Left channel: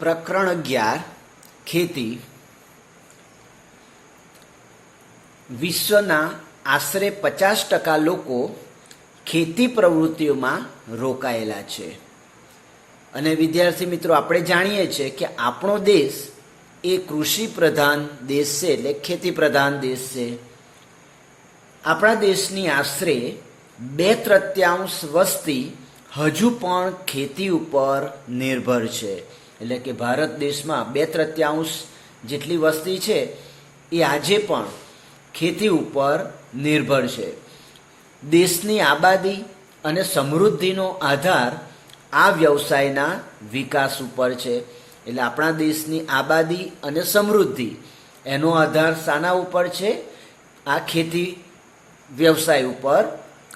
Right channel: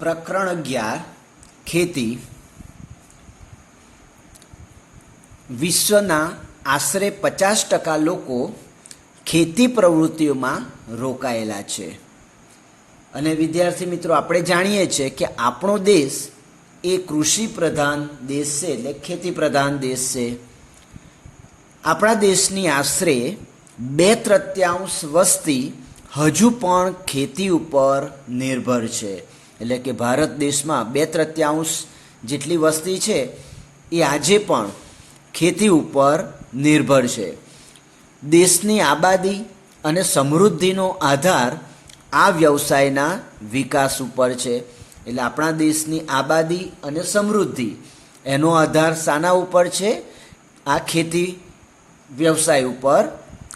પ્રકરણ 11 ખેતી. વિશ્વના આશરે 50% લોકો ખેતી પ્રવૃત્તિઓમાં રોકાયેલા છે. અને વિદ્યાર્થી મિત્રો, આપણે જાણીએ છીએ કે આપણો દેશ એ કૃષિ પ્રધાન દેશ છે, એટલે ખેતી પ્રધાન દેશ છે. આપણા દેશની આશરે 2/3 વસ્તી હજુ પણ ખેતી ઉપર નિર્ભર છે. એટલે કે ભારત દેશમાં 2/3 જેટલી વસ્તી છે એ આજે પણ ખેતી ઉપર નિર્ભર છે. દેશની આબાદી અને સમૃદ્ધિનો આધાર આ વ્યવસાયના વિકાસ ઉપર છે. એટલે આપણા દેશની આબાદી અને સમૃદ્ધિ એનો આધાર શાના ઉપર છે? આ ખેતી વ્યવસાય ઉપર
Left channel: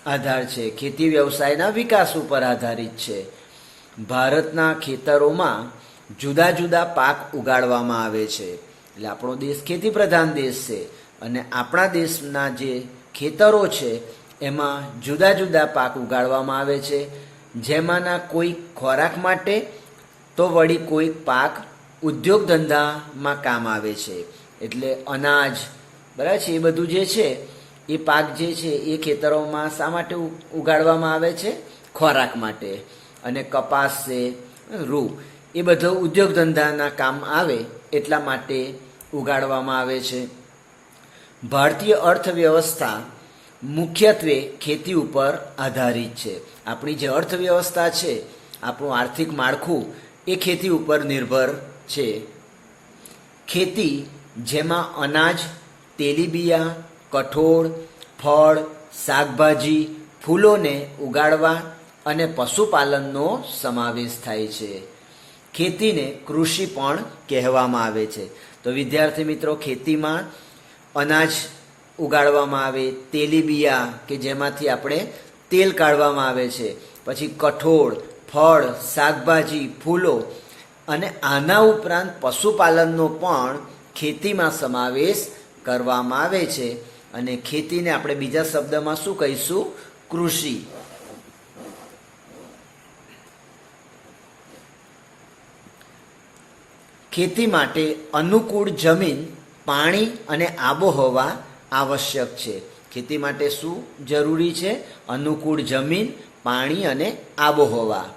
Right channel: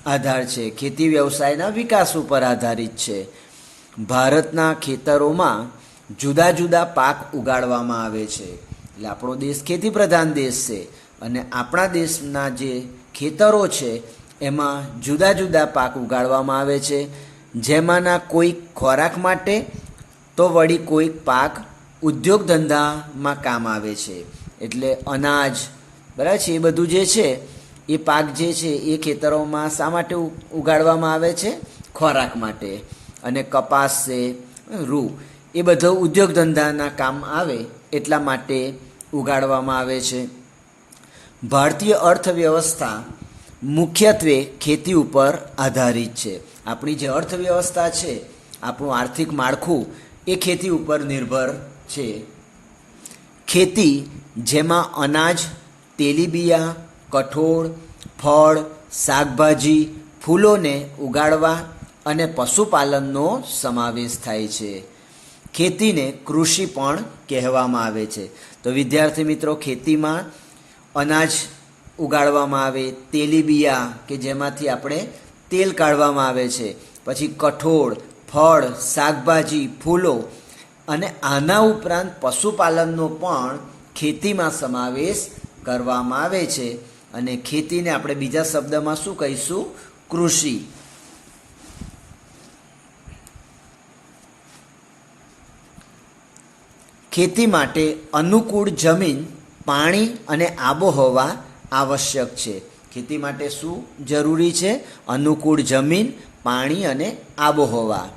આધાર છે. ખેતી વ્યવસાયના વિકાસ ઉપર આધારિત છે. ભારતના ખેતરોમાં જુદા જુદા પાક ઉગાડવામાં આવે છે. એટલે આપણો દેશ ખેતી પ્રધાન દેશ છે અને આપણા દેશના જે ખેતરો છે એમાં જુદા જુદા પાક ઉગાડવામાં આવે છે. જેમાંના કોઈક ખોરાક માટે તો વળી કોઈક પાક ઉદ્યોગ ધંધામાં કામ આવે છે. એટલે અનાજ, બરાબર છે, એ બધું જે છે એ પાક જે છે એ ખેતરોમાં શા માટે ઉગાડવામાં આવે છે? ખોરાક માટે. અને કપાસ છે, રૂ, એ બધો ઉદ્યોગ ધંધાના કામ આવે એટલા માટે ઉગાડવામાં આવે છે. ભારતીય અર્થવ્યવસ્થા મુખ્યત્વે ખેતી ઉપર આધારિત છે. આપણી જે અર્થવ્યવસ્થા છે, આપણું આર્થિક માળખું એ ખેતી ઉપર નિર્ભર છે. ખેતી જેમાં અનાજ, તેલીબિયા, કઠોળ, ફળ, શાકભાજી, ફૂલોને ઉગાડવા અને પશુપાલનનો સમાવેશ થાય છે. ખેતીને કૃષિ પણ કહેવામાં આવે છે. તો વિદ્યાર્થી મિત્રો, ખેતીમાં અનાજ ઉગાડવામાં આવે, તેલીબિયા કે જેમાંથી આપણે તેલ કાઢવામાં આવે છે, પછી કઠોળ, ફળ, શાકભાજી, ફૂલો અને આના ઉપરાંત પશુપાલનનો પણ ખેતીમાં સમાવેશ કરવામાં આવે છે. અને ખેતીને આપણે બીજા શબ્દમાં શું કહીશું? કૃષિ. ખેતી માટે અનુકૂળ જમીન, પાણી અને આબોહવા આવશ્યક છે. ખેતી માટે શું જરૂરી છે? અનુકૂળ જમીન, પાણી અને આબોહવા.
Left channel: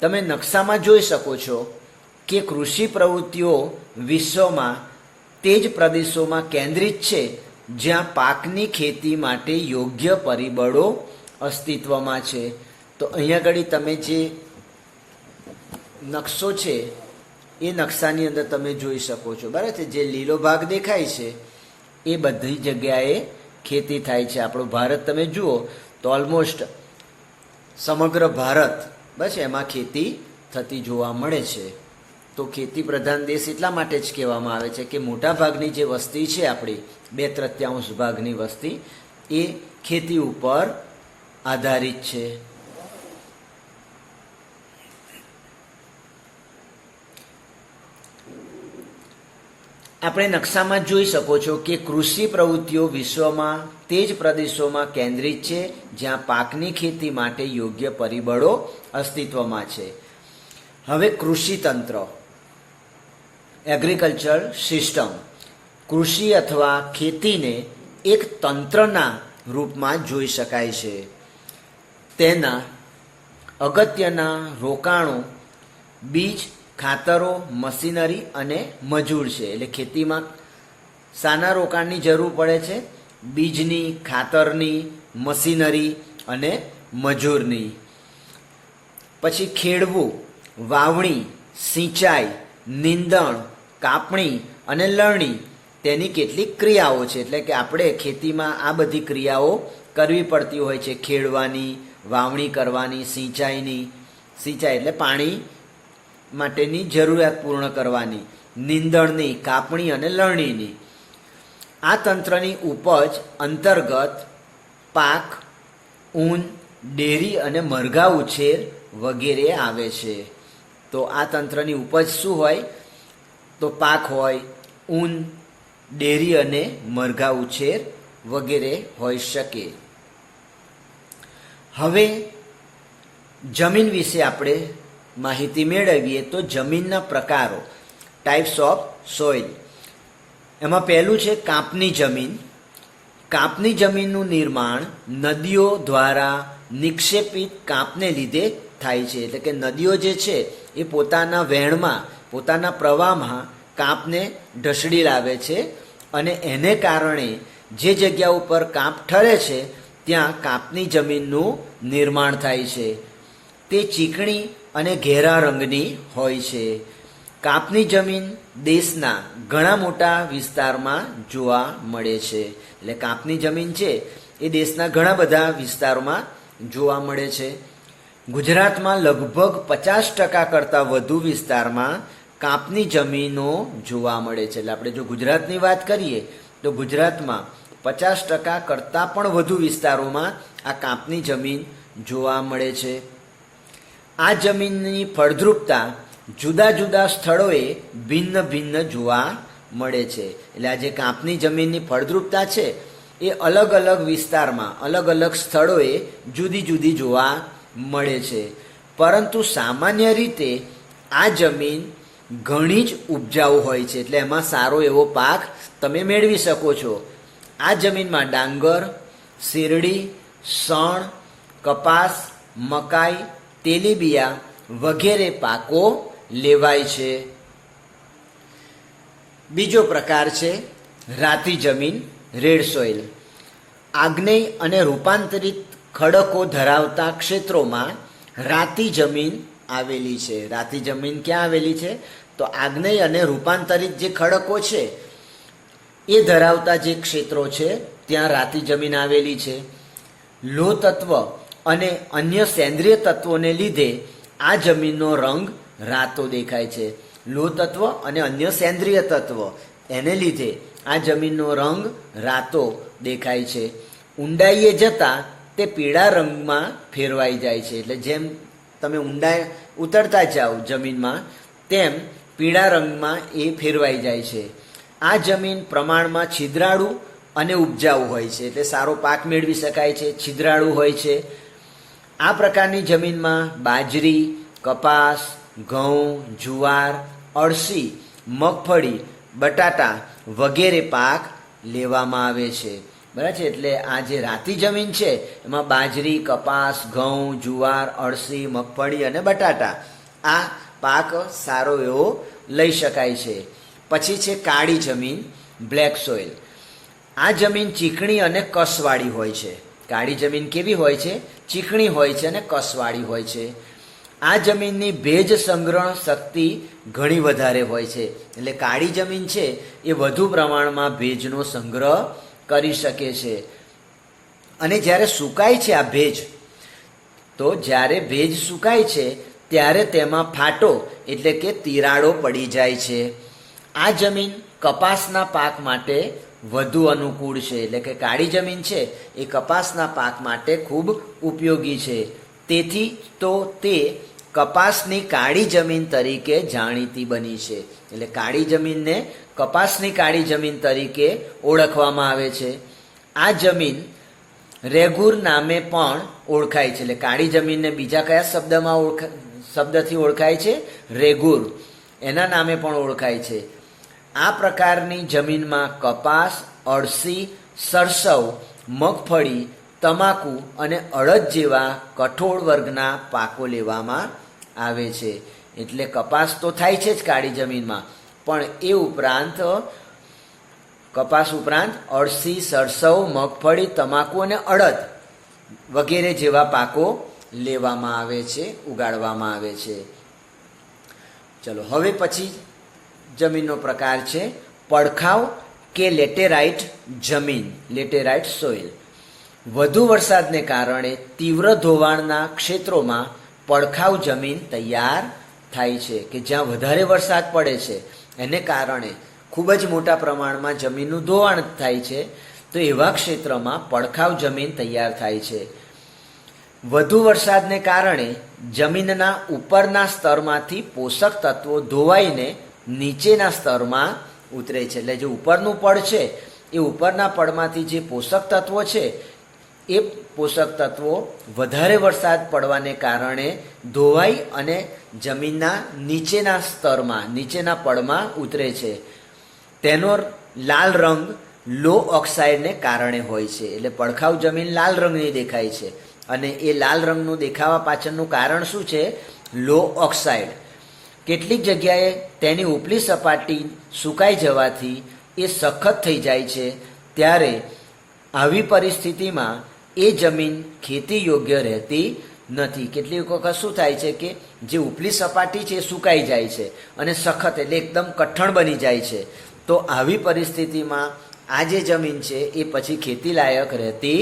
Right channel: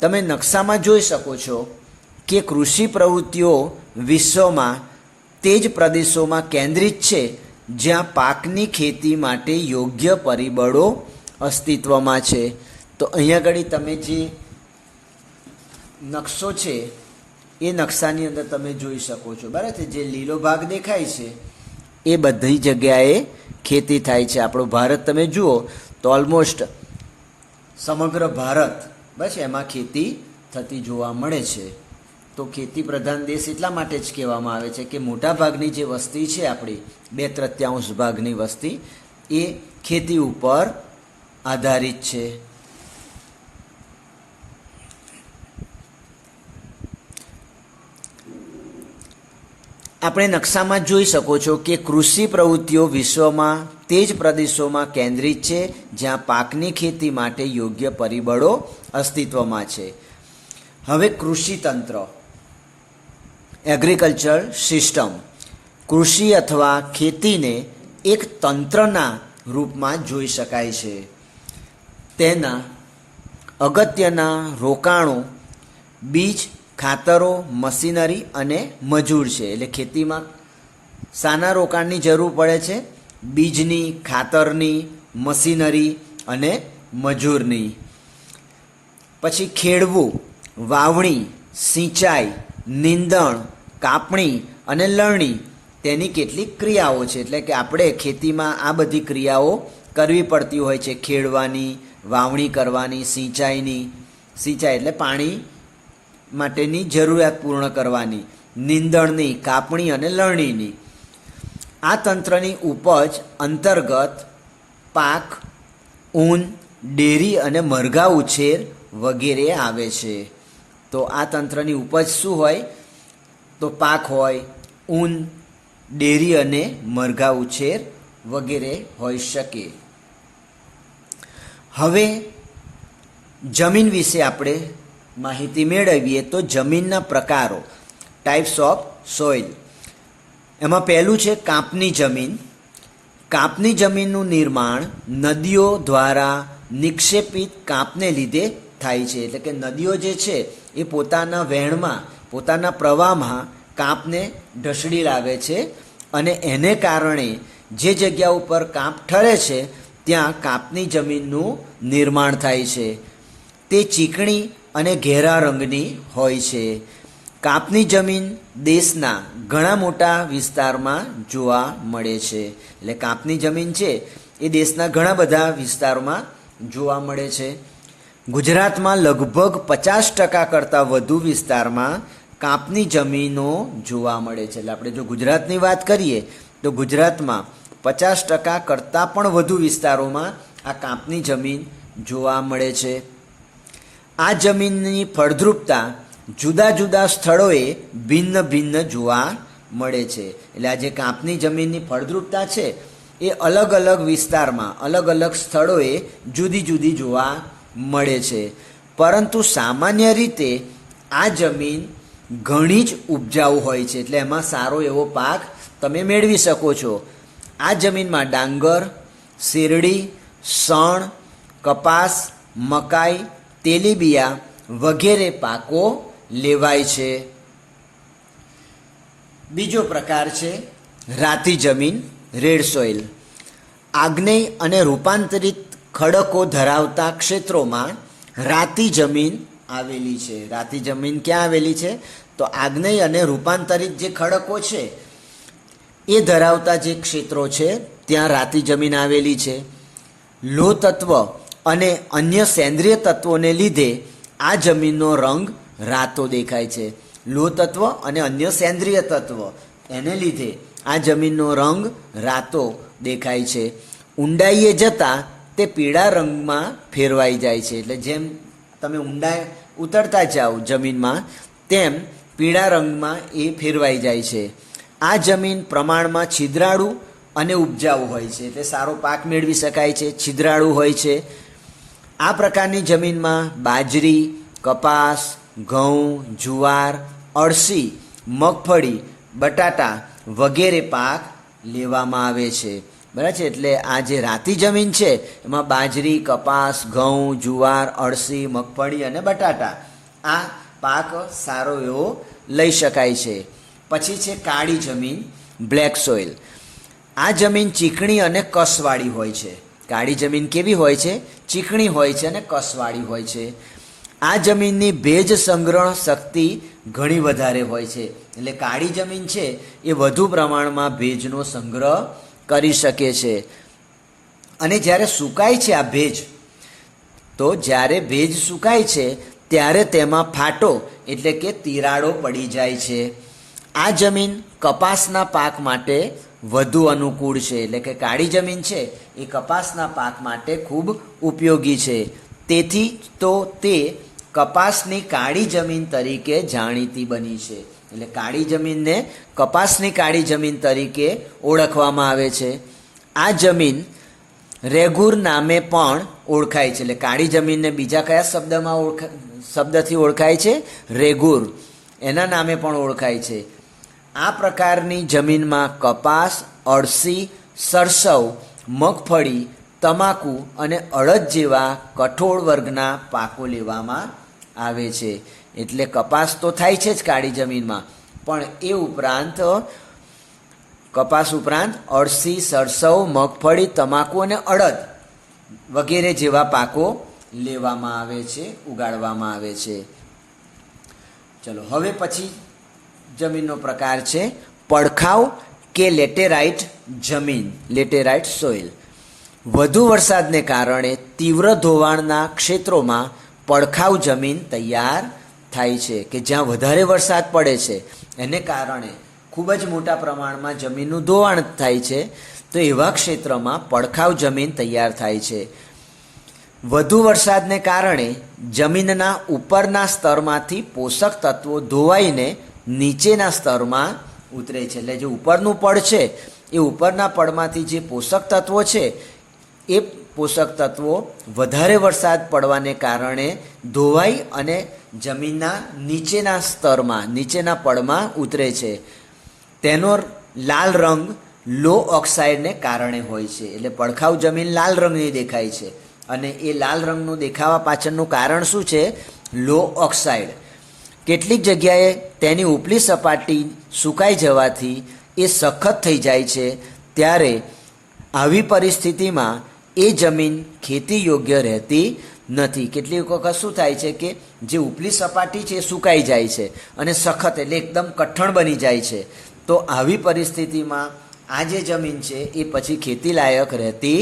તમે નકશામાં જોઈ શકો છો કે કૃષિ પ્રવૃત્તિઓ વિશ્વમાં તે જ પ્રદેશોમાં કેન્દ્રિત છે જ્યાં પાકની ખેતી માટે યોગ્ય પરિબળો અસ્તિત્વમાં છે. તો અહીંયા આગળ તમે જે નકશો છે એ નકશાની અંદર તમે જોઈ શકો છો, બરાબર છે. જે લીલો ભાગ દેખાય છે એ બધી જગ્યાએ ખેતી થાય છે. આપણો ભારત તમે જુઓ તો ઓલમોસ્ટ સમગ્ર ભારત બસ એમાં ખેતી થતી જોવા મળે છે. તો ખેતી પ્રધાન દેશ એટલા માટે જ કહેવામાં આવે છે કે મોટા ભાગની જે વસ્તી છે આપણી 2/3 ભાગની વસ્તી એ ખેતી ઉપર આધારિત છે. આપણે નકશામાં જોઈ શકો છો કે કૃષિ પ્રવૃત્તિઓ વિશ્વમાં તે જ પ્રદેશોમાં કેન્દ્રિત છે જ્યાં પાકની ખેતી માટે યોગ્ય પરિબળો અસ્તિત્વમાં છે. હવે કૃષિ તંત્ર, એગ્રીકલ્ચર સિસ્ટમ. કૃષિ અથવા ખેતીને એક તંત્રના રૂપમાં જોઈ શકાય છે. તેના અગત્યના રોકાણો બીજ, ખાતરો, મશીનરી અને મજૂર છે. એટલે ખેતીમાં શાના રોકાણની જરૂર પડે છે? બીજની, ખાતરની, મશીનરી અને મજૂરની. પછી ખેડવું, વાવણી, સિંચાઈ, નીંદણ, કાપણી અને લણણી તેની કેટલીક ક્રિયાઓ છે. એટલે કે આપણે ખેતીમાં આ બધી ક્રિયાઓ કરવી પડતી હોય છે. ખેડવાની, વાવણી કરવાની, સિંચાઈ એટલે પાણી માટેની જરૂરિયાત પૂર્ણ કરવાની, નીંદણની, કાપણી અને લણણીની. આ તંત્રની ઉપજ અંતર્ગત પાક, ઊન, ડેરી અને મરઘા ઉછેર વગેરે આવે છે. તો આ તંત્રની ઉપજ શું હોય? તો પાક હોય, ઊન, ડેરી અને મરઘા ઉછેર વગેરે હોઈ શકે. હવે જમીન વિશે આપણે માહિતી મેળવીએ તો જમીનના પ્રકારો, ટાઈપ્સ ઓફ સોઇલ. એમાં પહેલું છે કાંપની જમીન. કાંપની જમીનનું નિર્માણ નદીઓ દ્વારા નિક્ષેપિત કાંપને લીધે થાય છે. એટલે કે નદીઓ જે છે એ પોતાના વહેણમાં, પોતાના પ્રવાહમાં કાંપને ઢસડી લાવે છે અને એને કારણે જે જગ્યા ઉપર કાંપ ઠરે છે ત્યાં કાંપની જમીનનું નિર્માણ થાય છે. તે ચીકણી અને ઘેરા રંગની હોય છે. કાંપની જમીન દેશના ઘણા મોટા વિસ્તારમાં જોવા મળે છે. એટલે કાંપની જમીન છે એ દેશના ઘણા બધા વિસ્તારોમાં જોવા મળે છે. ગુજરાતમાં લગભગ 50% કરતાં વધુ વિસ્તારમાં કાંપની જમીનો જોવા મળે છે. એટલે આપણે જો ગુજરાતની વાત કરીએ તો ગુજરાતમાં 50% કરતાં પણ વધુ વિસ્તારોમાં આ કાંપની જમીન જોવા મળે છે. આ જમીનની ફળદ્રુપતા જુદા જુદા સ્થળોએ ભિન્ન ભિન્ન જોવા મળે છે. એટલે આ જે કાંપની જમીનની ફળદ્રુપતા છે એ અલગ અલગ વિસ્તારમાં, અલગ અલગ સ્થળોએ જુદી જુદી જોવા મળે છે. પરંતુ સામાન્ય રીતે આ જમીન ઘણી જ ઉપજાઉ હોય છે. એટલે એમાં સારો એવો પાક તમે મેળવી શકો છો. આ જમીનમાં ડાંગર, શેરડી, શણ, કપાસ, મકાઈ, તેલીબિયા વગેરે પાકો લેવાય છે. બીજો પ્રકાર છે રાતી જમીન, રેડ સોઇલ. આગ્નેય અને રૂપાંતરિત ખડકો ધરાવતા ક્ષેત્રોમાં રાતી જમીન આવેલી છે. રાતી જમીન ક્યાં આવેલી છે? તો આગ્નેય અને રૂપાંતરિત જે ખડકો છે એ ધરાવતા જે ક્ષેત્રો છે ત્યાં રાતી જમીન આવેલી છે. લોહ તત્વ અને અન્ય સેન્દ્રિય તત્વોને લીધે આ જમીનનો રંગ રાતો દેખાય છે. લોહ તત્વ અને અન્ય સેન્દ્રિય તત્વ એને લીધે આ જમીનનો રંગ રાતો દેખાય છે. ઊંડાઈએ જતાં તે પીળા રંગમાં ફેરવાઈ જાય છે. એટલે જેમ તમે ઊંડાઈ ઉતરતા જાઓ જમીનમાં તેમ પીળા રંગમાં એ ફેરવાઈ જાય છે. આ જમીન પ્રમાણમાં છિદ્રાળુ અને ઉપજાઉ હોય છે. એટલે સારો પાક મેળવી શકાય છે, છિદ્રાળુ હોય છે. આ પ્રકારની જમીનમાં બાજરી, કપાસ, ઘઉં, જુવાર, અળસી, મગફળી, બટાટા વગેરે પાક લેવામાં આવે છે. બરાબર છે. એટલે આ જે રાતી જમીન છે એમાં બાજરી, કપાસ, ઘઉં, જુવાર, અળસી, મગફળી અને બટાટા આ પાક સારો એવો લઈ શકાય છે. પછી છે કાળી જમીન, બ્લેક સોઇલ. આ જમીન ચીકણી અને કસવાળી હોય છે. કાળી જમીન કેવી હોય છે? ચીકણી હોય છે અને કસવાળી હોય છે. આ જમીનની ભેજ સંગ્રહ શક્તિ ઘણી વધારે હોય છે. એટલે કાળી જમીન છે એ વધુ પ્રમાણમાં ભેજનો સંગ્રહ કરી શકે છે. અને જ્યારે સુકાય છે આ ભેજ, તો જ્યારે ભેજ સુકાય છે ત્યારે તેમાં ફાટો એટલે કે તિરાડો પડી જાય છે. આ જમીન કપાસના પાક માટે વધુ અનુકૂળ છે. એટલે કે કાળી જમીન છે એ કપાસના પાક માટે ખૂબ ઉપયોગી છે. તેથી તો તે કપાસની કાળી જમીન તરીકે જાણીતી બની છે. એટલે કાળી જમીનને કપાસની કાળી જમીન તરીકે ઓળખવામાં આવે છે. આ જમીન રેગુર નામે પણ ઓળખાય છે. એટલે કાળી જમીનને બીજા કયા શબ્દથી ઓળખાય છે? રેગુર, એના નામે પણ ઓળખાય છે. આ પ્રકારની જમીનમાં કપાસ, અળસી, સરસવ, મગફળી, તમાકુ અને અડદ જેવા કઠોળ વર્ગના પાકો લેવામાં આવે છે. એટલે કપાસ તો થાય છે જ કાળી જમીનમાં, પણ એ ઉપરાંત કપાસ ઉપરાંત અળસી, સરસવ, મગફળી, તમાકુ અને અડદ વગેરે જેવા પાકો લેવામાં આવે છે, ઉગાડવામાં આવે છે. ચલો હવે પછી જમીનનો પ્રકાર છે પડખાવ કે લેટેરાઇટ જમીન, લેટેરાઇટ સોઇલ. વધુ વરસાદને કારણે તીવ્ર ધોવાણના ક્ષેત્રોમાં પડખાવ જમીન તૈયાર થાય છે. કે જ્યાં વધારે વરસાદ પડે છે એને કારણે ખૂબ જ મોટા પ્રમાણમાં જમીનનું ધોવાણ થાય છે, તો એવા ક્ષેત્રમાં પડખાવ જમીન તૈયાર થાય છે. વધુ વરસાદને કારણે જમીનના ઉપરના સ્તરમાંથી પોષક તત્વો ધોવાઈને નીચેના સ્તરમાં ઉતરે છે. એટલે જે ઉપરનું પડ છે એ ઉપરના પડમાંથી જે પોષક તત્વો છે એ પોષક તત્વો વધારે વરસાદ પડવાને કારણે ધોવાઈ અને જમીનના નીચેના સ્તરમાં, નીચેના પડમાં ઉતરે છે. તેનો લાલ રંગ લો ઓક્સાઇડને કારણે હોય છે. એટલે પડખાઉ જમીન લાલ રંગની દેખાય છે અને એ લાલ રંગનું દેખાવા પાછળનું કારણ શું છે? લો ઓક્સાઇડ. કેટલીક જગ્યાએ તેની ઉપલી સપાટી સુકાઈ જવાથી એ સખત થઈ જાય છે. ત્યારે આવી પરિસ્થિતિમાં એ જમીન ખેતી યોગ્ય રહેતી નથી. કેટલીક વખત શું થાય છે કે જે ઉપલી સપાટી છે એ સુકાઈ જાય છે અને સખત એટલે એકદમ કઠણ બની જાય છે. તો આવી પરિસ્થિતિમાં આ જે જમીન છે એ પછી ખેતી લાયક રહેતી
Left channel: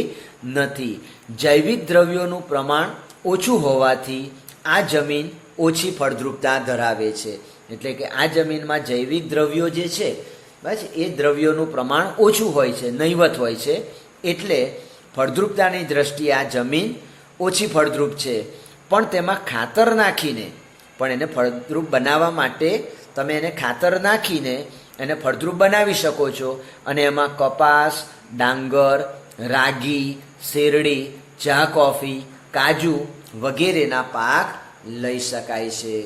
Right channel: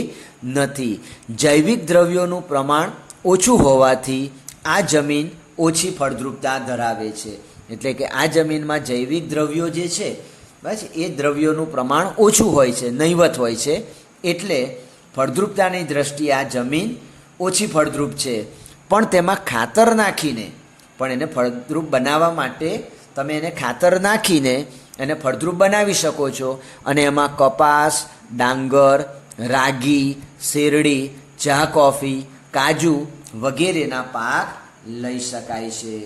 નથી. જૈવિક દ્રવ્યોનું પ્રમાણ ઓછું હોવાથી આ જમીન ઓછી ફળદ્રુપતા ધરાવે છે. એટલે કે આ જમીનમાં જૈવિક દ્રવ્યો જે છે બસ એ દ્રવ્યોનું પ્રમાણ ઓછું હોય છે, નહિવત હોય છે. એટલે ફળદ્રુપતાની દ્રષ્ટિએ આ જમીન ઓછી ફળદ્રુપ છે. પણ તેમાં ખાતર નાખીને, પણ એને ફળદ્રુપ બનાવવા માટે તમે એને ખાતર નાખીને એને ફળદ્રુપ બનાવી શકો છો અને એમાં કપાસ, ડાંગર, રાગી, શેરડી, ચા, કોફી, કાજુ વગેરેના પાક લઈ શકાય છે.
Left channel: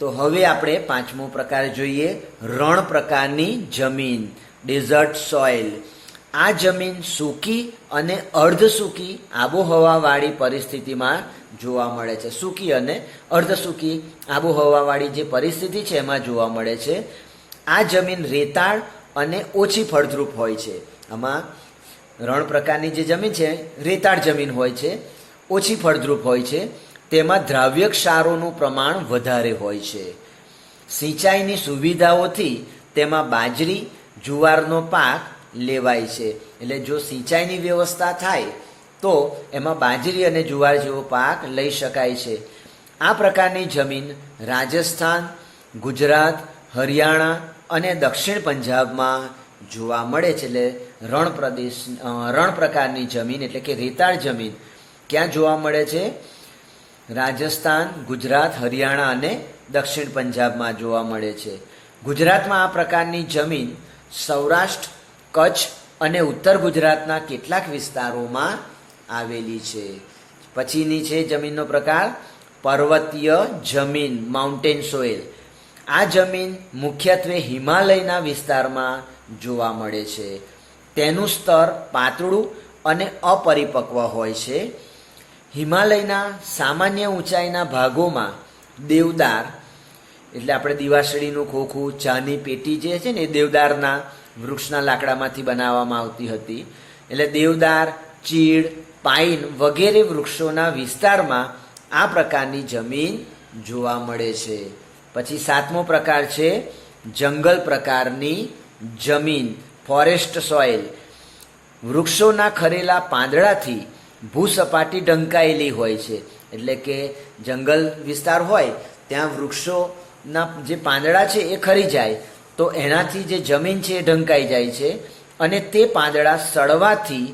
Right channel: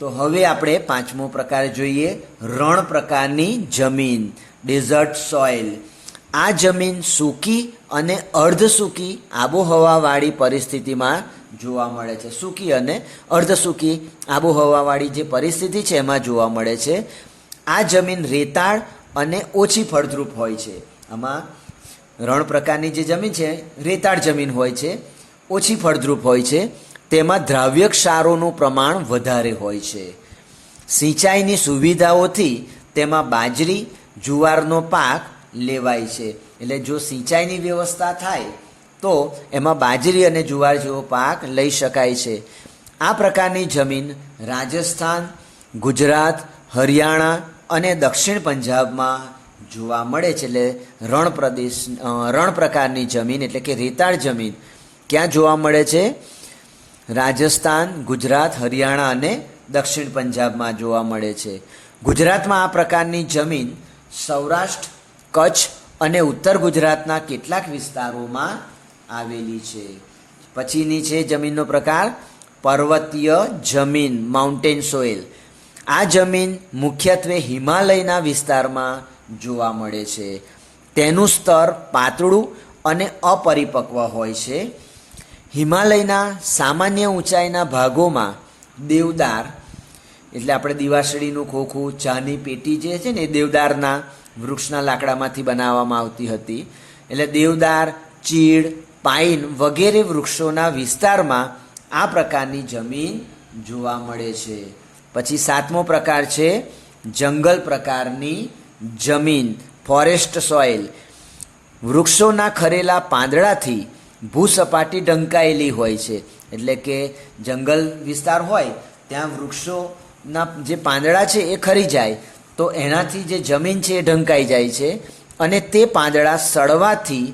તો હવે આપણે પાંચમો પ્રકાર જોઈએ, રણ પ્રકારની જમીન, ડેઝર્ટ સોઇલ. આ જમીન સૂકી અને અર્ધ સૂકી આબોહવાવાળી પરિસ્થિતિમાં જોવા મળે છે. સૂકી અને અર્ધ સૂકી આબોહવાવાળી જે પરિસ્થિતિ છે એમાં જોવા મળે છે. આ જમીન રેતાળ અને ઓછી ફળદ્રુપ હોય છે. આમાં રણ પ્રકારની જે જમીન છે રેતાળ જમીન હોય છે, ઓછી ફળદ્રુપ હોય છે. તેમાં દ્રાવ્ય ક્ષારોનું પ્રમાણ વધારે હોય છે. સિંચાઈની સુવિધાઓથી તેમાં બાજરી, જુવારનો પાક લેવાય છે. એટલે જો સિંચાઈની વ્યવસ્થા થાય તો એમાં બાજરી અને જુવાર જેવો પાક લઈ શકાય છે. આ પ્રકારની જમીન રાજસ્થાન, ગુજરાત, હરિયાણા અને દક્ષિણ પંજાબમાં જોવા મળે છે. એટલે રણ પ્રકારની જમીન એટલે કે રેતાળ જમીન ક્યાં જોવા મળે છે? રાજસ્થાન, ગુજરાત, હરિયાણા અને દક્ષિણ પંજાબમાં જોવા મળે છે. ગુજરાતમાં આ પ્રકારની જમીન સૌરાષ્ટ્ર, કચ્છ અને ઉત્તર ગુજરાતના કેટલાક વિસ્તારોમાં આવેલી છે. પછીની છે જમીનનો પ્રકાર પર્વતીય જમીન, માઉન્ટેન સોઇલ. આ જમીન મુખ્યત્વે હિમાલયના વિસ્તારમાં જોવા મળે છે. તેનું સ્તર પાતળું અને અપરિપક્વ હોય છે. હિમાલયના સામાન્ય ઊંચાઈના ભાગોમાં દેવદાર, એટલે આપણે દિવાસળીનું ખોખું, ચાની પેટી જે છે ને એ દેવદારના વૃક્ષના લાકડામાંથી બનાવવામાં આવતી હતી. એટલે દેવદાર, ચીડ, પાઇન વગેરે વૃક્ષોના વિસ્તારમાં આ પ્રકારની જમીન જોવા મળે છે. પછી સાતમો પ્રકાર છે જંગલ પ્રકારની જમીન, ફોરેસ્ટ સોઇલ. વૃક્ષોના ખરેલા પાંદડાથી ભૂસપાટી ઢંકાયેલી હોય છે. એટલે કે જંગલ વિસ્તાર હોય ત્યાં વૃક્ષોના જે પાંદડા છે એ ખરી જાય તો એનાથી જે જમીન છે એ ઢંકાઈ જાય છે અને તે પાંદડા સડવાથી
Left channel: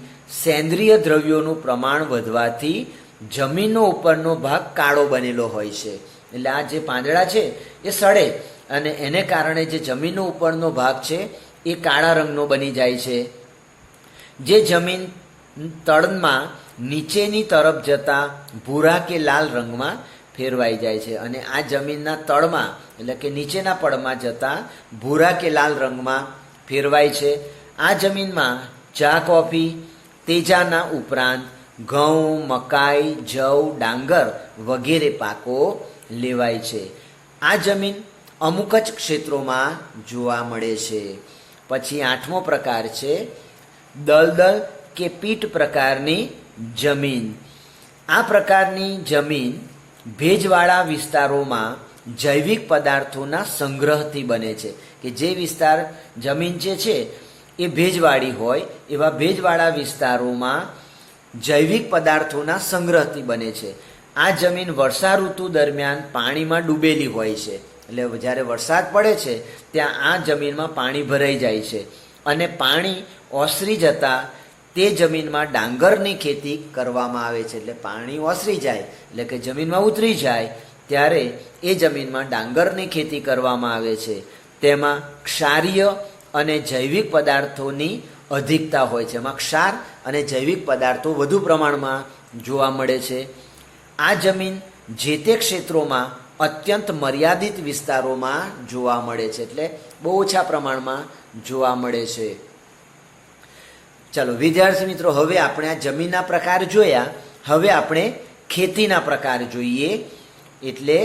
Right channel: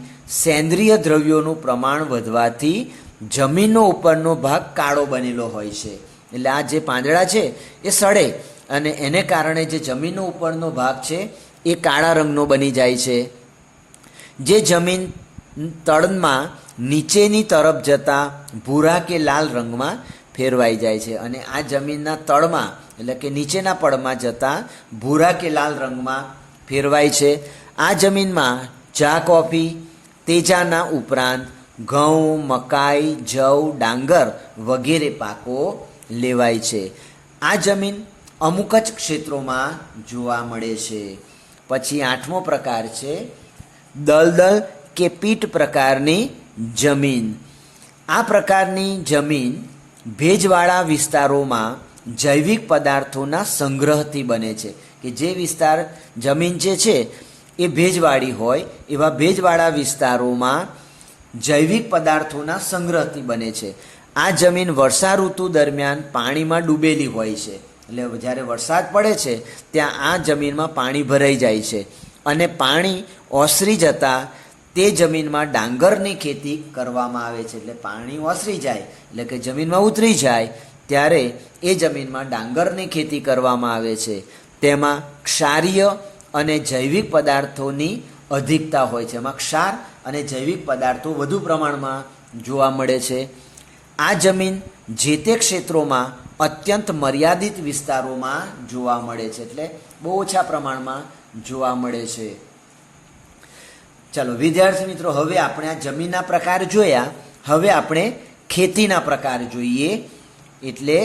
સેન્દ્રિય દ્રવ્યોનું પ્રમાણ વધવાથી જમીનનો ઉપરનો ભાગ કાળો બનેલો હોય છે. એટલે આ જે પાંદડા છે એ સડે અને એને કારણે જે જમીનનો ઉપરનો ભાગ છે એ કાળા રંગનો બની જાય છે. જે જમીન તળમાં નીચેની તરફ જતા ભૂરા કે લાલ રંગમાં ફેરવાઈ જાય છે અને આ જમીનના તળમાં એટલે કે નીચેના પડમાં જતા ભૂરા કે લાલ રંગમાં ફેરવાય છે. આ જમીનમાં ચા, કોફી, તેજાના ઉપરાંત ઘઉં, મકાઈ, જવ, ડાંગર વગેરે પાકો લેવાય છે. આ જમીન અમુક જ ક્ષેત્રોમાં જોવા મળે છે. પછી આઠમો પ્રકાર છે દલદલ કે પીટ પ્રકારની જમીન. આ પ્રકારની જમીન ભેજવાળા વિસ્તારોમાં જૈવિક પદાર્થોના સંગ્રહથી બને છે. કે જે વિસ્તાર જમીન જે છે એ ભેજવાળી હોય એવા ભેજવાળા વિસ્તારોમાં જૈવિક પદાર્થોના સંગ્રહથી બને છે. આ જમીન વર્ષા ઋતુ દરમિયાન પાણીમાં ડૂબેલી હોય છે. એટલે જ્યારે વરસાદ પડે છે ત્યાં આ જમીનમાં પાણી ભરાઈ જાય છે અને પાણી ઓસરી જતાં તે જમીનમાં ડાંગરની ખેતી કરવામાં આવે છે. એટલે પાણી ઓસરી જાય એટલે કે જમીનમાં ઉતરી જાય ત્યારે એ જમીનમાં ડાંગરની ખેતી કરવામાં આવે છે. તેમાં ક્ષારીય અને જૈવિક પદાર્થોની અધિકતા હોય છે. એમાં ક્ષાર અને જૈવિક પદાર્થો વધુ પ્રમાણમાં જોવા મળે છે. આ જમીન જે તે ક્ષેત્રોમાં અત્યંત મર્યાદિત વિસ્તારોમાં જોવા મળે છે, એટલે બહુ ઓછા પ્રમાણમાં જોવા મળે છે. ચાલો વિદ્યાર્થી મિત્રો, હવે આપણે આ જમીનના પ્રકાર જોયા. હવે આપણે ખેતીના પ્રકાર જોઈએ, એટલે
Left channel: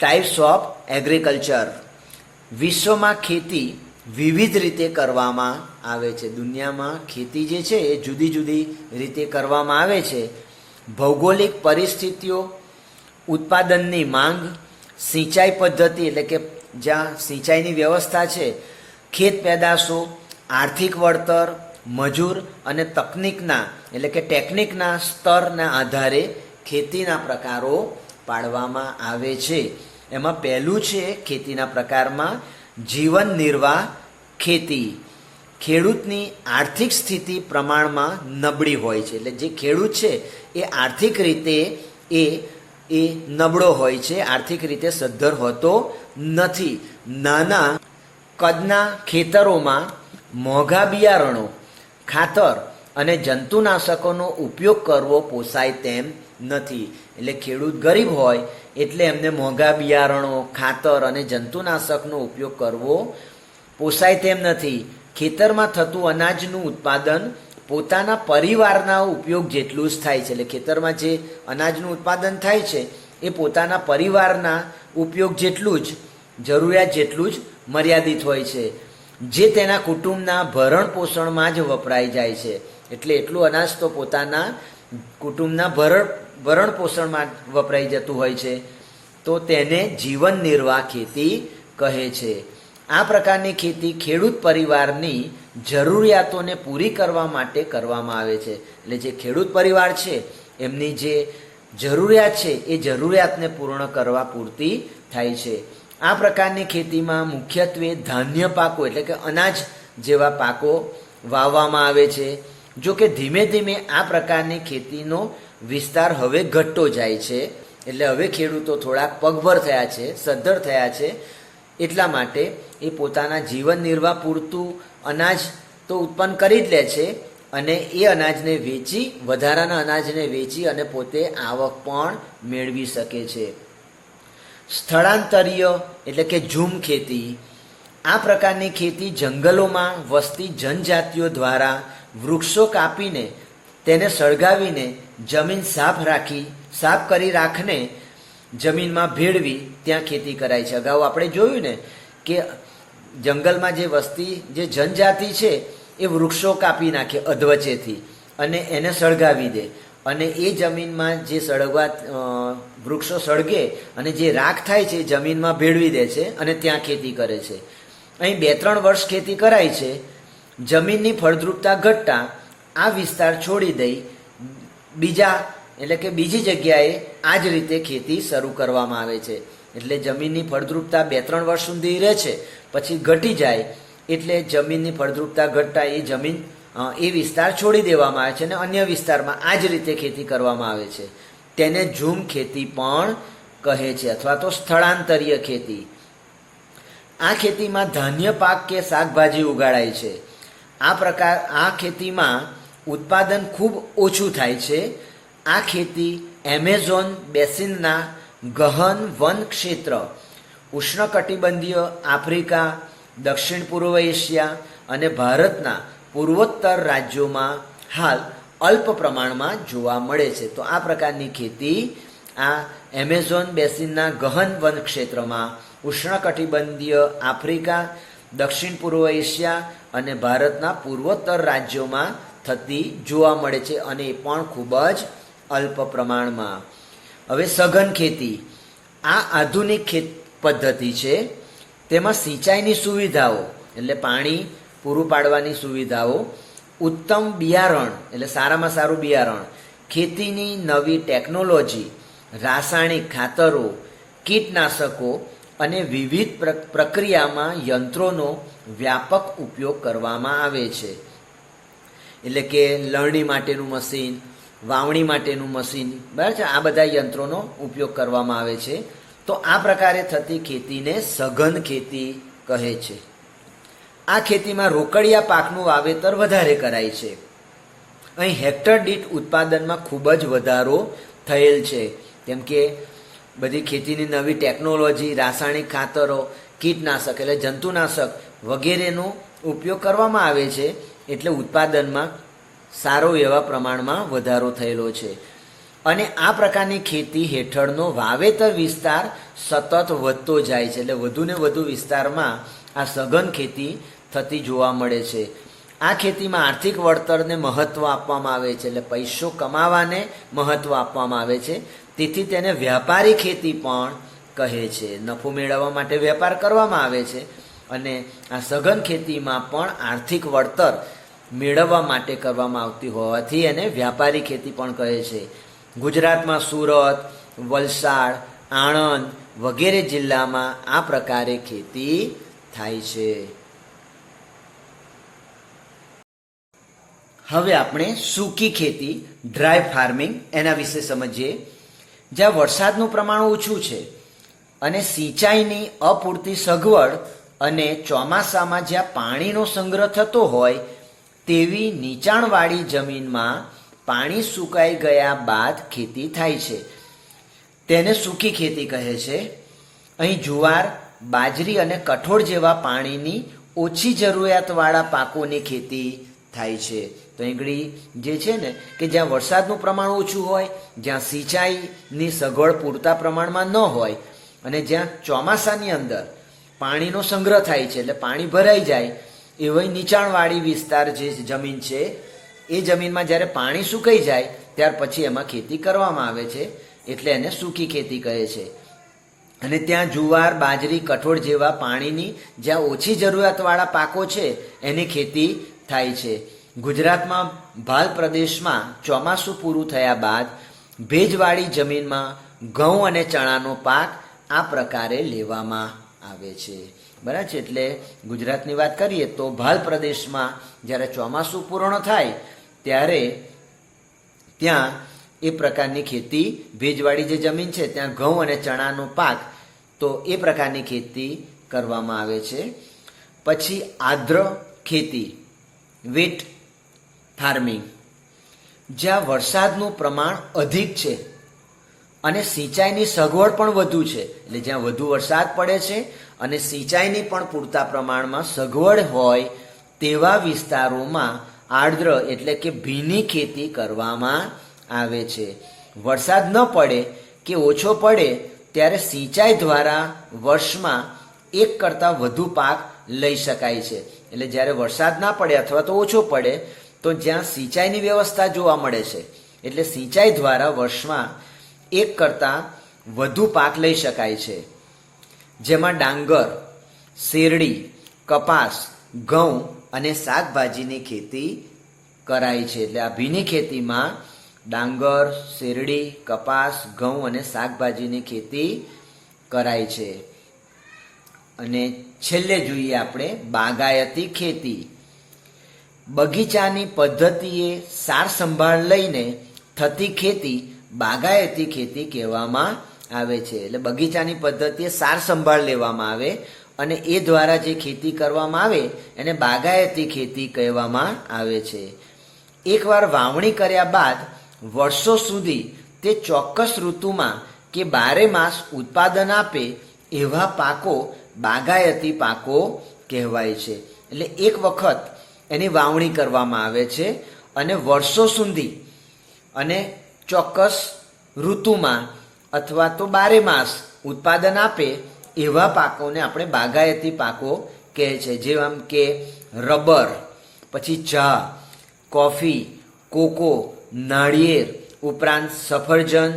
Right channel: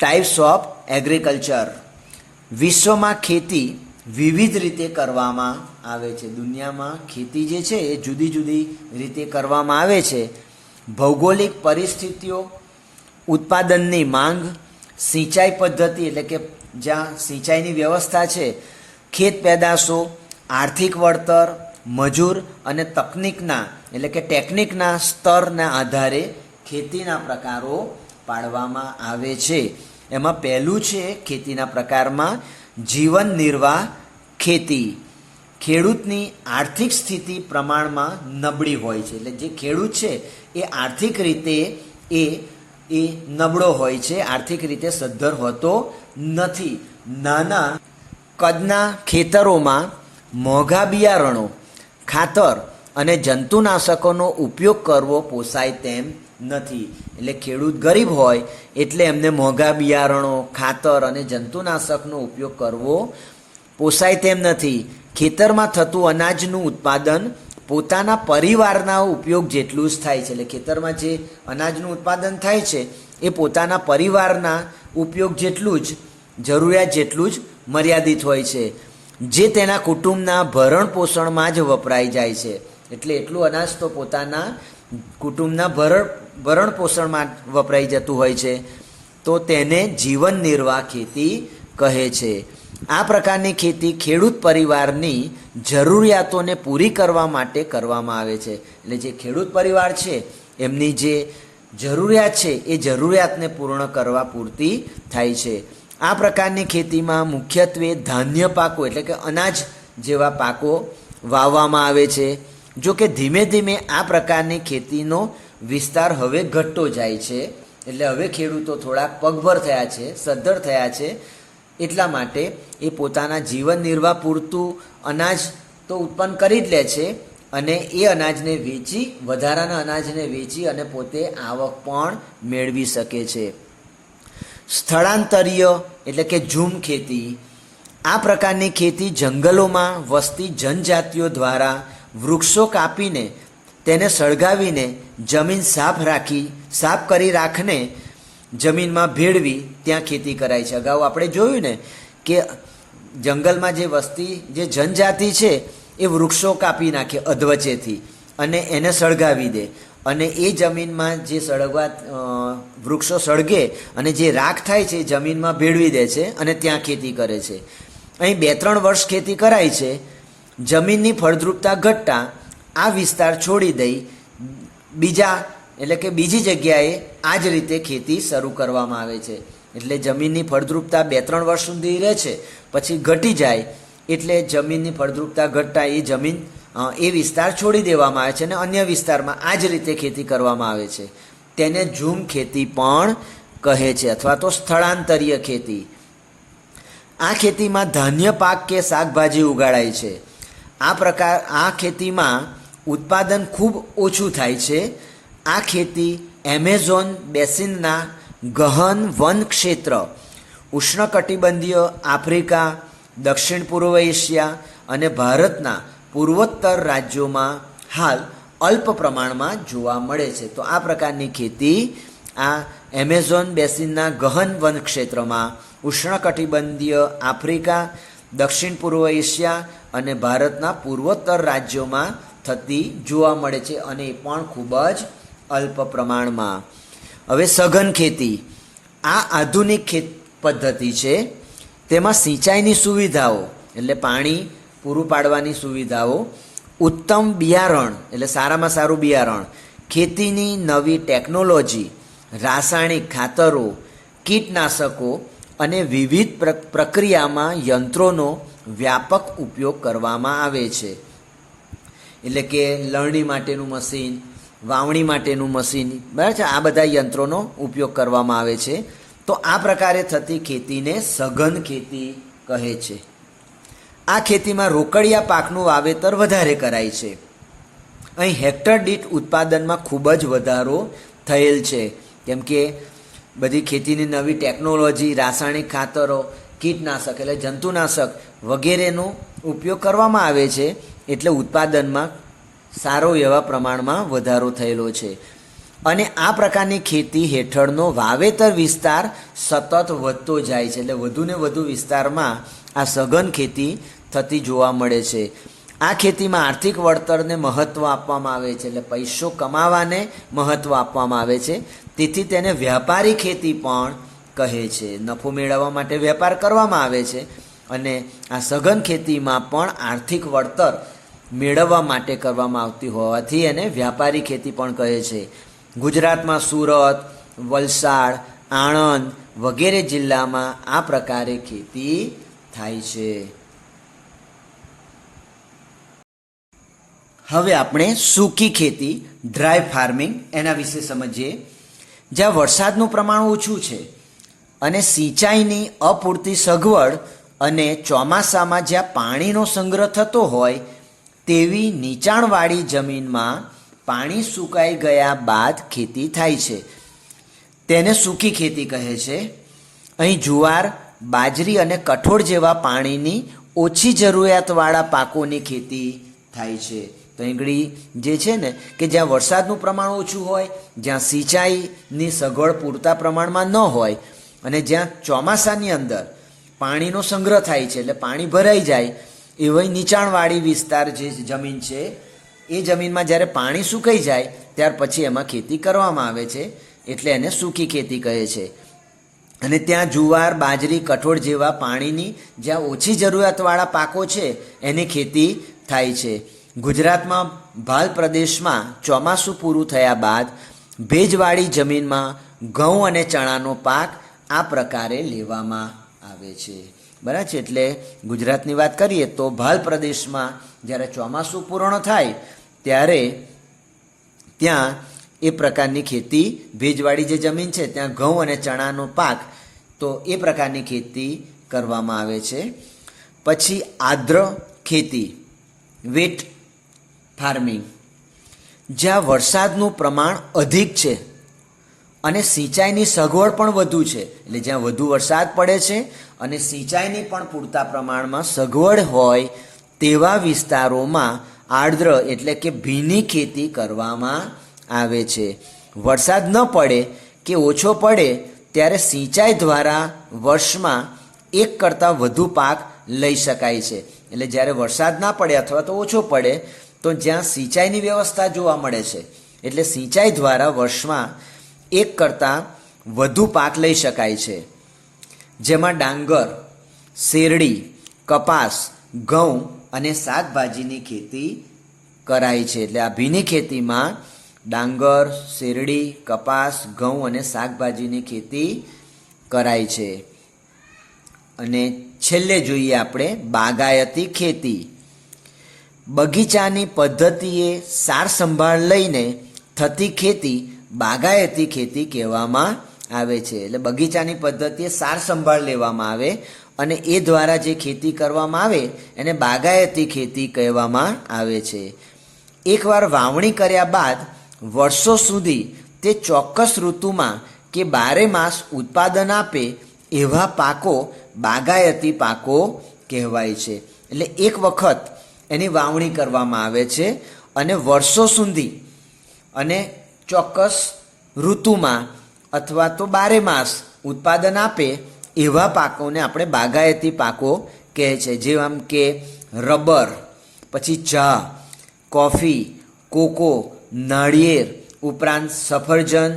ટાઈપ્સ ઓફ એગ્રીકલ્ચર. વિશ્વમાં ખેતી વિવિધ રીતે કરવામાં આવે છે. દુનિયામાં ખેતી જે છે એ જુદી જુદી રીતે કરવામાં આવે છે. ભૌગોલિક પરિસ્થિતિઓ, ઉત્પાદનની માંગ, સિંચાઈ પદ્ધતિ એટલે કે જ્યાં સિંચાઈની વ્યવસ્થા છે, ખેત પેદાશો, આર્થિક વળતર, મજૂર અને તકનિકના એટલે કે ટેકનિકના સ્તરના આધારે ખેતીના પ્રકારો પાડવામાં આવે છે. એમાં પહેલું છે ખેતીના પ્રકારમાં જીવન નિર્વાહ ખેતી. ખેડૂતની આર્થિક સ્થિતિ પ્રમાણમાં નબળી હોય છે, એટલે જે ખેડૂત છે એ આર્થિક રીતે એ નબળો હોય છે, આર્થિક રીતે સદ્ધર હોતો નથી. નાના કદના ખેતરોમાં મોંઘા બિયારણો, ખાતર અને જંતુનાશકોનો ઉપયોગ કરવો પોસાય તેમ નથી. એટલે ખેડૂત ગરીબ હોય એટલે એમને મોંઘા બિયારણો, ખાતર અને જંતુનાશકનો ઉપયોગ કરવો પોસાય તેમ નથી. ખેતરમાં થતું અનાજનું ઉત્પાદન પોતાના પરિવારના ઉપયોગ જેટલું જ થાય છે. એટલે ખેતરમાં જે અનાજનું ઉત્પાદન થાય છે એ પોતાના પરિવારના ઉપયોગ જેટલું જ, જરૂરિયાત જેટલું જ મર્યાદિત હોય છે, જે તેના કુટુંબના ભરણ પોષણમાં જ વપરાઈ જાય છે. એટલે એટલું અનાજ તો પોતાના કુટુંબના ભરણ પોષણમાં વપરાઈ જતું હોય છે, તો તેને જીવન નિર્વાહ ખેતી કહે છે. આ પ્રકારની ખેતી ખેડૂત પરિવારની જરૂરિયાતોને પૂરી કરવા માટે કરવામાં આવે છે. એટલે જે ખેડૂત પરિવાર છે એમની જે જરૂરિયાત છે એ જરૂરિયાતને પૂર્ણ કરવા પૂરતી થાય છે. આ પ્રકારની ખેતીમાં મુખ્યત્વે ધાન્ય પાકો એટલે કે અનાજ જેવા પાકો વાવવામાં આવે છે. જો કે ધીમે ધીમે આ પ્રકારની ખેતીનો વિસ્તાર હવે ઘટતો જાય છે. એટલે હવે ખેડૂતો થોડાક પગભર થયા છે, સદ્ધર થયા છે, એટલા માટે એ પોતાના જીવન નિર્વાહ પૂરતું અનાજ તો ઉત્પન્ન કરી જ લે છે અને એ અનાજને વેચી, વધારાના અનાજને વેચી અને પોતે આવક પણ મેળવી શકે છે. સ્થળાંતરીય એટલે કે ઝૂમ ખેતી. આ પ્રકારની ખેતી જંગલોમાં વસતી જનજાતિઓ દ્વારા વૃક્ષો કાપીને તેને સળગાવીને જમીન સાફ કરી રાખને જમીનમાં ભેળવી ત્યાં ખેતી કરાય છે. અગાઉ આપણે જોયું ને કે જંગલમાં જે વસ્તી, જે જનજાતિ છે એ વૃક્ષો કાપી નાખે અધવચ્ચેથી અને એને સળગાવી દે, અને એ જમીનમાં જે વૃક્ષો સળગે અને જે રાખ થાય છે એ જમીનમાં ભેળવી દે છે અને ત્યાં ખેતી કરે છે. અહીં 2-3 વર્ષ ખેતી કરાય છે. જમીનની ફળદ્રુપતા ઘટતા આ વિસ્તાર છોડી દઈ બીજી જગ્યાએ આ જ રીતે ખેતી શરૂ કરવામાં આવે છે. એટલે જમીનની ફળદ્રુપતા 2-3 વર્ષ સુધી રહે છે, પછી ઘટી જાય એટલે જમીનની ફળદ્રુપતા ઘટતા એ વિસ્તાર છોડી દેવામાં આવે છે અને અન્ય વિસ્તારમાં આ જ રીતે ખેતી કરવામાં આવે છે. તેને ઝૂમ ખેતી પણ કહે છે અથવા તો સ્થળાંતરીય ખેતી. આ ખેતીમાં ધાન્ય પાક કે શાકભાજી ઉગાડાય છે. આ ખેતીમાં ઉત્પાદન ખૂબ ઓછું થાય છે. આ ખેતી એમેઝોન બેસિનના ગહન વન ક્ષેત્ર, ઉષ્ણકટિબંધીય આફ્રિકા, દક્ષિણ પૂર્વ એશિયા અને ભારતના પૂર્વોત્તર રાજ્યોમાં હાલ અલ્પ પ્રમાણમાં જોવા મળે છે. તો આ પ્રકારની ખેતી આ એમેઝોન બેસિનના ગહન વન ક્ષેત્રમાં, ઉષ્ણકટિબંધીય આફ્રિકા, દક્ષિણ પૂર્વ એશિયા અને ભારતના પૂર્વોત્તર રાજ્યોમાં થતી જોવા મળે છે, અને એ પણ ખૂબ જ અલ્પ પ્રમાણમાં. હવે સઘન ખેતી. આ આધુનિક ખેત પદ્ધતિ છે. તેમાં સિંચાઈની સુવિધાઓ એટલે પાણી પૂરું પાડવાની સુવિધાઓ, ઉત્તમ બિયારણ એટલે સારામાં સારું બિયારણ, ખેતીની નવી ટેકનોલોજી, રાસાયણિક ખાતરો, કીટનાશકો અને વિવિધ પ્રક્રિયામાં યંત્રોનો વ્યાપક ઉપયોગ કરવામાં આવે છે. એટલે કે લણણી માટેનું મશીન, વાવણી માટેનું મશીન, બરાબર છે, આ બધા યંત્રોનો ઉપયોગ કરવામાં આવે છે. તો આ પ્રકારે થતી ખેતીને સઘન ખેતી કહે છે. આ ખેતીમાં રોકડિયા પાકનું વાવેતર વધારે કરાય છે. અહીં હેક્ટર દીઠ ઉત્પાદનમાં ખૂબ જ વધારો થયેલ છે, કેમ કે બધી ખેતીની નવી ટેકનોલોજી, રાસાયણિક ખાતરો, કીટનાશક એટલે જંતુનાશક વગેરેનો ઉપયોગ કરવામાં આવે છે, એટલે ઉત્પાદનમાં સારો એવા પ્રમાણમાં વધારો થયેલો છે. અને આ પ્રકારની ખેતી હેઠળનો વાવેતર વિસ્તાર સતત વધતો જાય છે, એટલે વધુ ને વધુ વિસ્તારમાં આ સઘન ખેતી થતી જોવા મળે છે. આ ખેતીમાં આર્થિક વળતરને મહત્ત્વ આપવામાં આવે છે, એટલે પૈસો કમાવાને મહત્ત્વ આપવામાં આવે છે, તેથી તેને વ્યાપારી ખેતી પણ કહે છે. નફો મેળવવા માટે વેપાર કરવામાં આવે છે, અને આ સઘન ખેતીમાં પણ આર્થિક વળતર મેળવવા માટે કરવામાં આવતી હોવાથી એને વ્યાપારી ખેતી પણ કહે છે. ગુજરાતમાં સુરત, વલસાડ, આણંદ વગેરે જિલ્લામાં આ પ્રકારે ખેતી થાય છે. હવે આપણે સૂકી ખેતી, ડ્રાય ફાર્મિંગ એના વિશે સમજીએ. જ્યાં વરસાદનું પ્રમાણ ઓછું છે અને સિંચાઈની અપૂરતી સગવડ અને ચોમાસામાં જ્યાં પાણીનો સંગ્રહ થતો હોય તેવી નીચાણવાળી જમીનમાં પાણી સુકાઈ ગયા બાદ ખેતી થાય છે, તેને સૂકી ખેતી કહે છે. અહીં જુવાર, બાજરી અને કઠોળ જેવા પાણીની ઓછી જરૂરિયાતવાળા પાકોની ખેતી થાય છે. તો અહીં જે છે ને કે જ્યાં વરસાદનું પ્રમાણ ઓછું હોય, જ્યાં સિંચાઈની સગવડ પૂરતા પ્રમાણમાં ન હોય, અને જ્યાં ચોમાસાની અંદર પાણીનો સંગ્રહ થાય છે એટલે પાણી ભરાઈ જાય એવી નીચાણવાળી વિસ્તાર જે જમીન છે એ જમીનમાં જ્યારે પાણી સુકાઈ જાય ત્યાર પછી એમાં ખેતી કરવામાં આવે છે, એટલે એને સૂકી ખેતી કહે છે. અને ત્યાં જુવાર, બાજરી, કઠોળ જેવા પાણીની જ્યાં ઓછી જરૂરિયાતવાળા પાકો છે એની ખેતી થાય છે. ગુજરાતમાં ભાલ પ્રદેશમાં ચોમાસું પૂરું થયા બાદ ભેજવાળી જમીનમાં ઘઉં અને ચણાનો પાક આ પ્રકારે લેવામાં આવે છે. બરાબર છે. એટલે ગુજરાતની વાત કરીએ તો ભાલ પ્રદેશમાં જ્યારે ચોમાસું પૂર્ણ થાય ત્યારે ત્યાં એ પ્રકારની ખેતી, ભેજવાળી જે જમીન છે ત્યાં ઘઉં અને ચણાનો પાક, તો એ પ્રકારની ખેતી કરવામાં આવે છે. પછી આર્દ્ર ખેતી, વેટ ફાર્મિંગ, જ્યાં વરસાદનું પ્રમાણ અધિક છે અને સિંચાઈની સગવડ પણ વધુ છે, એટલે જ્યાં વધુ વરસાદ પડે છે અને સિંચાઈની પણ પૂરતા પ્રમાણમાં સગવડ હોય તેવા વિસ્તારોમાં આર્દ્ર એટલે કે ભીની ખેતી કરવામાં આવે છે. વરસાદ ન પડે કે ઓછો પડે ત્યારે સિંચાઈ દ્વારા વર્ષમાં એક કરતાં વધુ પાક લઈ શકાય છે. એટલે જ્યારે વરસાદ ના પડે અથવા તો ઓછો પડે તો જ્યાં સિંચાઈની વ્યવસ્થા જોવા મળે છે, એટલે સિંચાઈ દ્વારા વર્ષમાં એક કરતાં વધુ પાક લઈ શકાય છે, જેમાં ડાંગર, શેરડી, કપાસ, ઘઉં અને શાકભાજીની ખેતી કરાય છે. એટલે આ ભીની ખેતીમાં ડાંગર, શેરડી, કપાસ, ઘઉં અને શાકભાજીની ખેતી કરાય છે. અને છેલ્લે જોઈએ આપણે બાગાયતી ખેતી. બગીચાની પદ્ધતિએ સાર સંભાળ લઈને થતી ખેતી બાગાયતી ખેતી કહેવામાં આવે છે. એટલે બગીચાની પદ્ધતિએ સાર સંભાળ લેવામાં આવે અને એ દ્વારા જે ખેતી કરવામાં આવે એને બાગાયતી ખેતી કહેવામાં આવે છે. એકવાર વાવણી કર્યા બાદ વર્ષો સુધી તે ચોક્કસ ઋતુમાં કે 12 માસ ઉત્પાદન આપે એવા પાકો બાગાયતી પાકો કહેવાય છે. એટલે એક વખત એની વાવણી કરવામાં આવે છે અને વર્ષો સુધી અને ચોક્કસ ઋતુમાં અથવા તો 12 માસ ઉત્પાદન આપે એવા પાકોને આપણે બાગાયતી પાકો કહે છે. જેમ કે રબર, પછી ચા, કોફી, કોકો, નાળિયેર, ઉપરાંત સફરજન,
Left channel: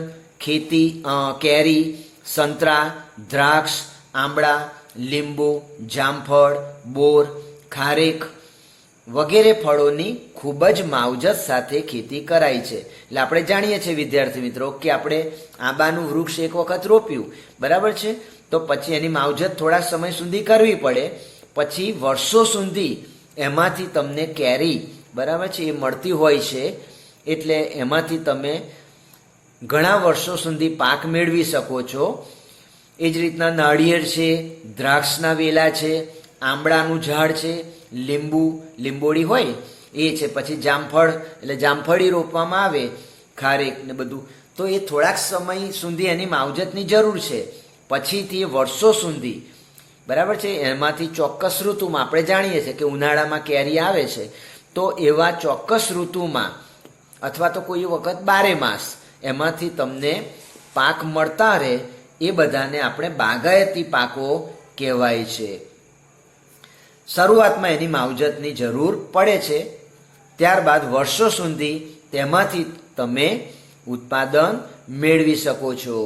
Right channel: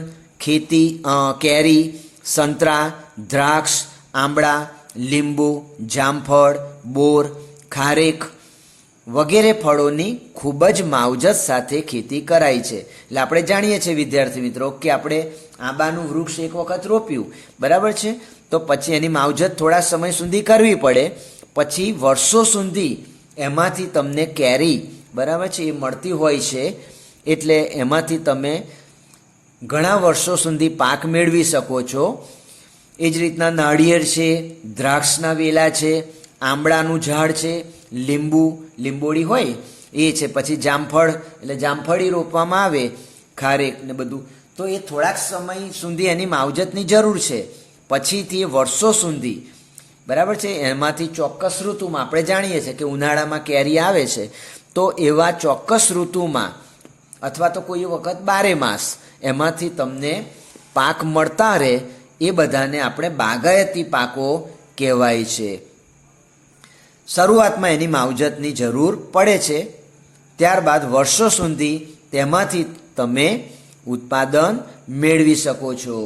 કેરી, સંતરા, દ્રાક્ષ, આંબળા, લીંબુ, જામફળ, બોર, ખારેક વગેરે ફળોની ખૂબ જ માવજત સાથે ખેતી કરાય છે. એટલે આપણે જાણીએ છીએ વિદ્યાર્થી મિત્રો કે આપણે આંબાનું વૃક્ષ એક વખત રોપ્યું, બરાબર છે, તો પછી એની માવજત થોડા સમય સુધી કરવી પડે, પછી વર્ષો સુધી એમાંથી તમને કેરી, બરાબર છે, એ મળતી હોય છે. એટલે એમાંથી તમે ઘણા વર્ષો સુધી પાક મેળવી શકો છો. એ જ રીતના નાળિયેર છે, દ્રાક્ષના વેલા છે, આંબળાનું ઝાડ છે, લીંબોળી હોય એ છે. પછી જામફળ એટલે જામફળી રોપવામાં આવે, ખારેક ને બધું, તો એ થોડાક સમય સુધી એની માવજતની જરૂર છે. પછીથી વર્ષો સુધી, બરાબર છે, એમાંથી ચોક્કસ ઋતુમાં આપણે જાણીએ છીએ કે ઉનાળામાં કેરી આવે છે, તો એવા ચોક્કસ ઋતુમાં અથવા તો કોઈ વખત 12 માસ એમાંથી તમને પાક મળતા રહે, એ બધાને આપણે બાગાયતી પાકો કહેવાય છે. શરૂઆતમાં એની માવજતની જરૂર પડે છે, ત્યારબાદ વર્ષો સુધી તેમાંથી તમે ઉત્પાદન મેળવી શકો છો.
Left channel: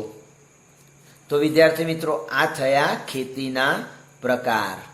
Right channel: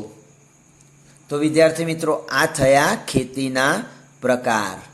તો વિદ્યાર્થી મિત્રો, આ થયા ખેતીના પ્રકાર.